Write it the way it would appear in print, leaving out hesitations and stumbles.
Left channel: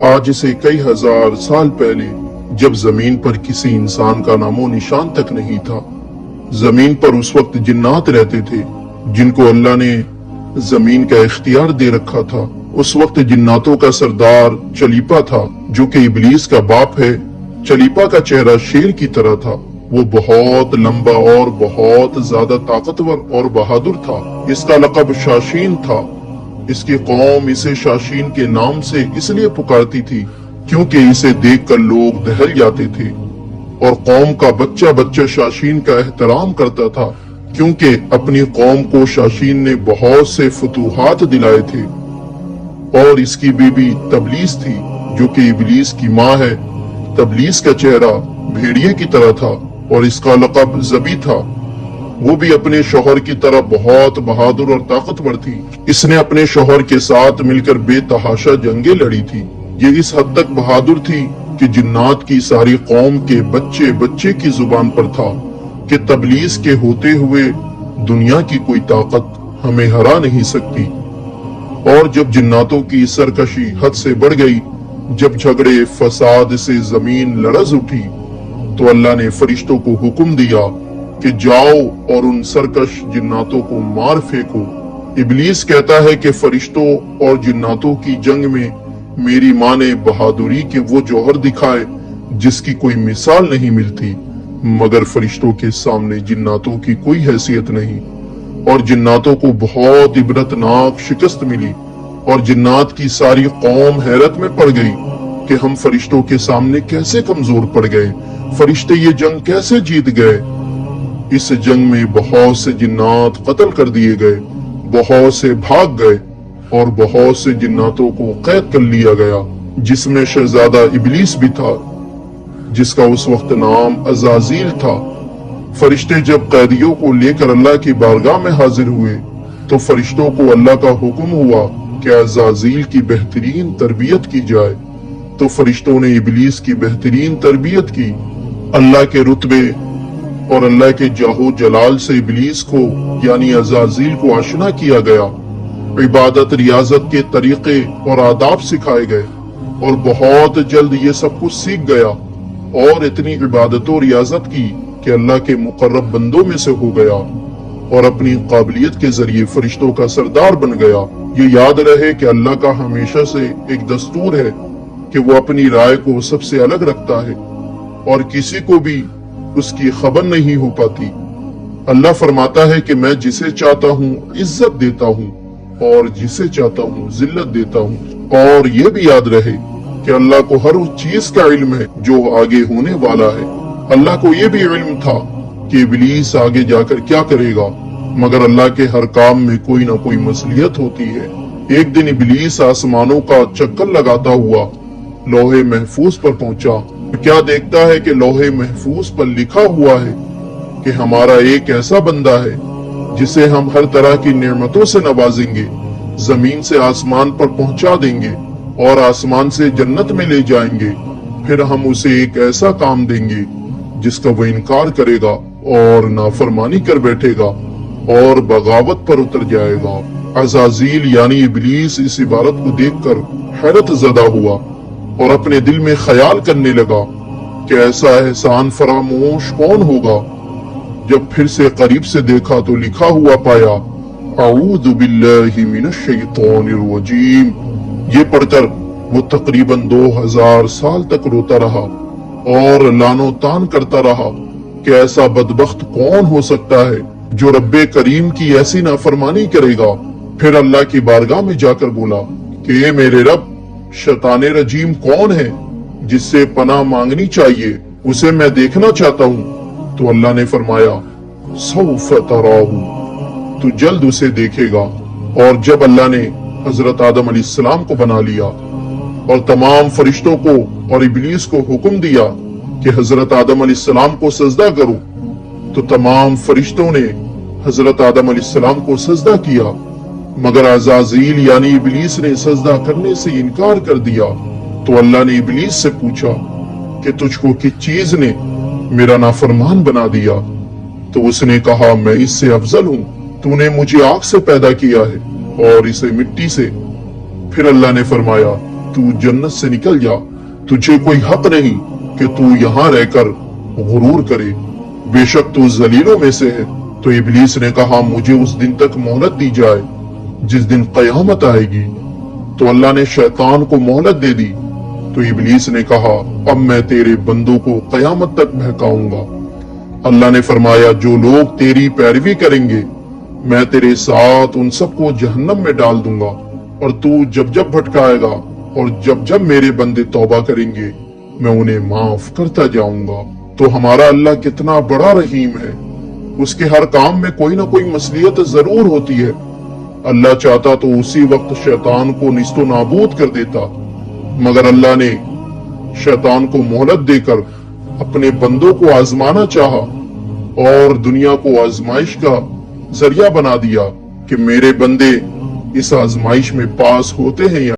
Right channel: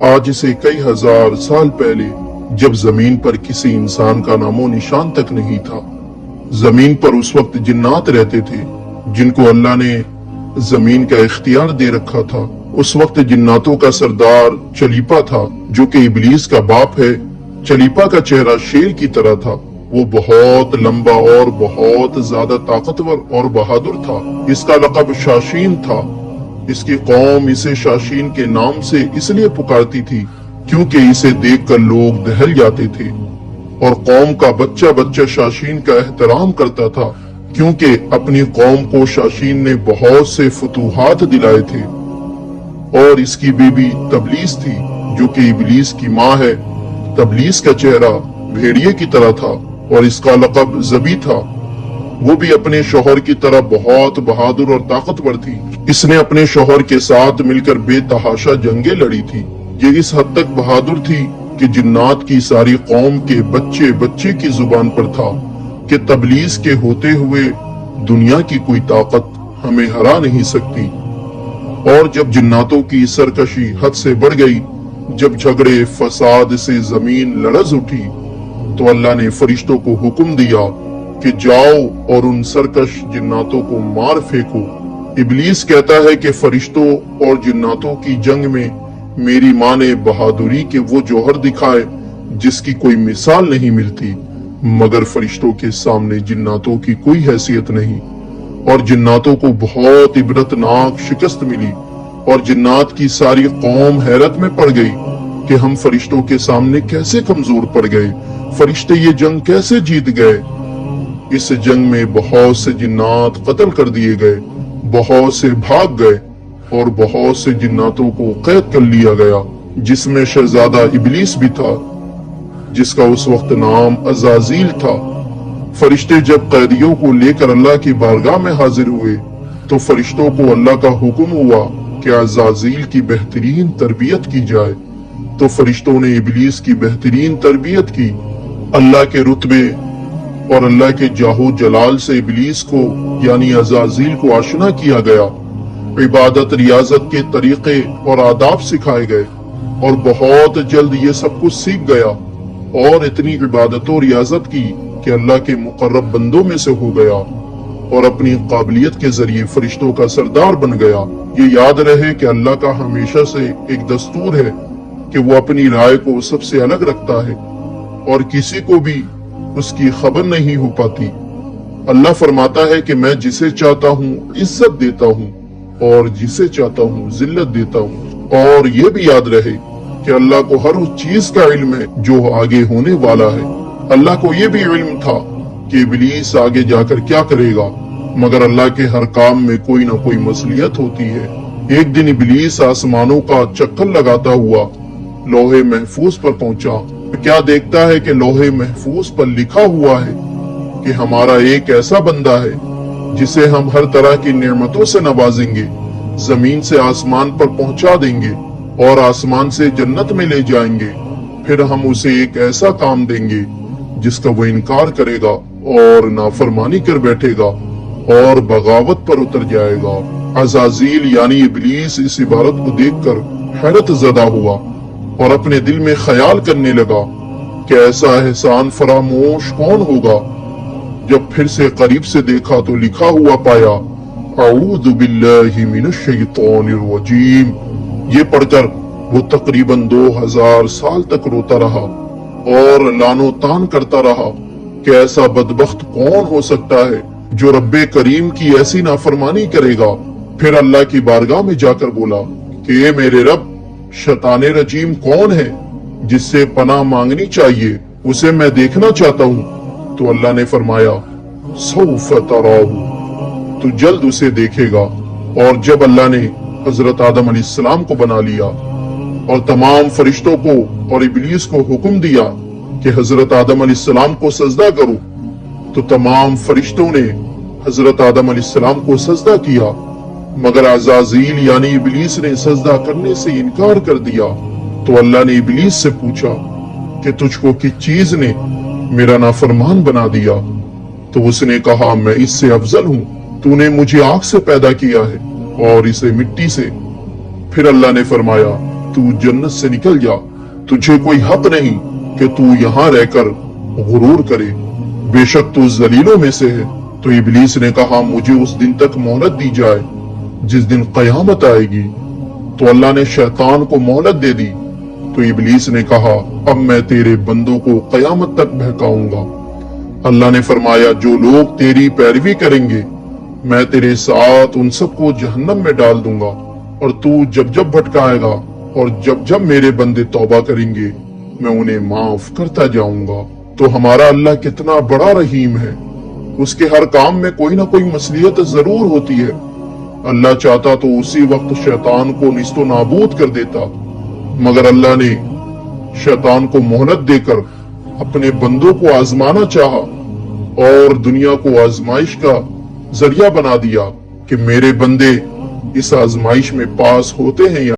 आज से कई हजार साल पहले, जब जमीन पर किसी इंसान का नामो निशान तक नहीं था, जमीन पर उस वक्त जिन्नात रहते थे जिनको अल्लाह ने जमीन का इख्तियार दे रखा था। उस वक्त जिन्नातों का सरदार चलीपा था, जो कि इबलीस का बाप है। चलीपा का चेहरा शेर की तरह था। वो बहुत लंबा और बहुत ज्यादा ताकतवर और बहादुर था। इसका लक़ब शाशीन था। इसकी कौम इसे शाशीन के नाम से इसलिए पुकारती थी क्योंकि इसे देखकर लोग दहल जाते थे, और कौम का बच्चा बच्चा शाशीन का एहतराम करता था, क्योंकि अपनी कौम को शाशीन ने बहुत से फतूहात दिलाए थे। और इसकी बीबी तबलीस थी, जो कि इबलीस की माँ है। तबलीस का चेहरा भेड़िए की तरह था और इसका लक़ब ज़बी था। वो भी अपने शौहर की तरह बहुत बहादुर और ताकतवर थी। इसने अपने शौहर के साथ मिलकर बेतहाशा जंगें लड़ी थी। ये इस हद तक बहादुर थी कि जिन्नात की सारी कौम के बच्चे बच्चे की जुबान पर था कि तबलीस के होते हुए दुनिया की कोई ताकत हमें हरा नहीं सकती। और जब जिन्नातों की सरकशी हद से बढ़ गई, जब झगड़े फसाद से जमीन लरज उठी, तो अल्लाह ने फरिश्तों को हुक्म दिया कि जाओ और उन सरकश जिन्नातों को मार फेंको। इबलीस कहता है कि फरिश्तों और जिन्नातों की जंग में मेरी माँ ने बहादुरी के वो जौहर दिखाए जिसकी कोई मिसाल नहीं मिलती, मगर फरिश्तों के सामने जिन्नातों की कोई हैसियत नहीं। और जिन्नातों को बहुत इबरतनाक शिकस्त मिली और जिन्नात की सारी कौम हैरत में पड़ गई कि हम फरिश्तों के सामने कैसे कमजोर पड़ गए, फरिश्ते ये जंग कैसे जीत गए। इस जंग में बहुत से जिन्नात कत्ल कर दिए गए, बहुत से भाग गए और बहुत से जिन्नातों को कैद कर लिया गया, जिसमें शहजादा इबलीस भी था, जिसका उस वक्त नाम अज़ाज़ील था। फरिश्ते जब कैदियों को लेकर अल्लाह की बारगाह में हाजिर हुए, तो फरिश्तों को अल्लाह का हुक्म हुआ कि अज़ाज़ील की बेहतरीन तरबियत की जाए। तो फरिश्तों ने इबलीस की बेहतरीन तरबियत की। अल्लाह के रुतबे और अल्लाह के जाहो जलाल से इबलीस को यानी अज़ाज़ील को आशना किया गया। इबादत रियाजत के तरीके और आदाब सिखाए गए और बहुत जल्द ये सब कुछ सीख गया और इतनी इबादतों रियाजत की कि अल्लाह के मुकर्रब बंदों में से हो गया और अपनी काबिलियत के जरिए फरिश्तों का सरदार बन गया। ये याद रहे कि अल्लाह का हमेशा से एक दस्तूर है कि वो अपनी राय को सबसे अलग रखता है और किसी को भी उसकी खबर नहीं हो पाती। अल्लाह फरमाता है कि मैं जिसे चाहता हूँ इज्जत देता हूँ और जिसे चाहता हूँ जिल्लत देता हूँ। और ये भी याद रहे कि अल्लाह को हर उस चीज का इल्म है जो आगे होने वाला है। अल्लाह को ये भी इल्म था कि इबलीस आगे जाकर क्या करेगा, मगर अल्लाह के हर काम में कोई ना कोई मसलियत होती है। एक दिन इबलीस आसमानों का चक्कर लगाता हुआ लौहे महफूज पर पहुंचा। क्या देखता है कि लौहे महफूज पर लिखा हुआ है कि हमारा एक ऐसा बंदा है जिसे हम हर तरह की नेमतों से नवाजेंगे, जमीन से आसमान पर पहुंचा देंगे और आसमान से जन्नत में ले जाएंगे। फिर हम उसे एक ऐसा काम देंगे जिसका वो इनकार करेगा और नाफरमानी कर बैठेगा और बगावत पर उतर जाएगा। अज़ाज़ील यानी इबलीस इस इबारत को देखकर हैरत ज़दा हुआ और अपने दिल में ख्याल करने लगा कि ऐसा एहसान फरामोश कौन होगा। जब फिर से करीब से देखा तो लिखा हुआ पाया, अऊज़ु बिल्लाहि मिनश शैतानिर रजीम। ये पढ़कर वो तकरीबन 2000 साल तक रोता रहा और लानो तान करता रहा कि ऐसा बदबख्त कौन हो सकता है जो रब्बे करीम की ऐसी नाफरमानी करेगा। फिर अल्लाह की बारगाह में जाकर बोला कि ए मेरे रब, शैतान रजीम कौन है जिससे पनाह मांगनी चाहिए, उसे मैं देखना चाहता हूँ। तो अल्लाह ने फरमाया, सौफ तराहू, तू जल्द उसे देखेगा। और जब अल्लाह ने हजरत आदम अलैहिस्सलाम को बना लिया और तमाम फरिश्तों को और इबलीस को हुक्म दिया कि हजरत आदम अलैहिस्सलाम को सजदा करो, तो तमाम फरिश्तों ने हजरत आदम अलैहिस्सलाम को सजदा किया, मगर अज़ाज़ील यानी इबलीस ने सजदा करने से इनकार कर दिया। तो अल्लाह ने इबलीस से पूछा कि तुझको किस चीज ने मेरा नाफरमान बना दिया? तो उसने कहा, मैं इससे अफजल हूँ, तूने मुझे आग से पैदा किया है और इसे मिट्टी से। फिर अल्लाह ने फरमाया तू जन्नत से निकल जा, तुझे कोई हक नहीं कि तू यहाँ रहकर गुरूर करे, बेशक तू जलीलों में से है। तो इब्लीस ने कहा, मुझे उस दिन तक मोहलत दी जाए जिस दिन कयामत आएगी। तो अल्लाह ने शैतान को मोहलत दे दी। तो इब्लीस ने कहा, अब मैं तेरे बंदों को कयामत तक बहकाऊंगा। अल्लाह ने फरमाया, जो लोग तेरी पैरवी करेंगे मैं तेरे साथ उन सबको जहन्नम में डाल दूंगा, और तू जब जब भटकाएगा और जब जब मेरे बंदे तौबा करेंगे मैं उन्हें माफ करता जाऊंगा। तो हमारा अल्लाह कितना बड़ा रहीम है, उसके हर काम में कोई ना कोई मसलियत जरूर होती है। अल्लाह चाहता तो उसी वक्त शैतान को निस्तो नाबूद कर देता, मगर अल्लाह ने शैतान को मोहलत देकर अपने बंदों को आजमाना चाहा और दुनिया को आजमाइश का जरिया बना दिया कि मेरे बंदे इस आजमाइश में पास होते हैं या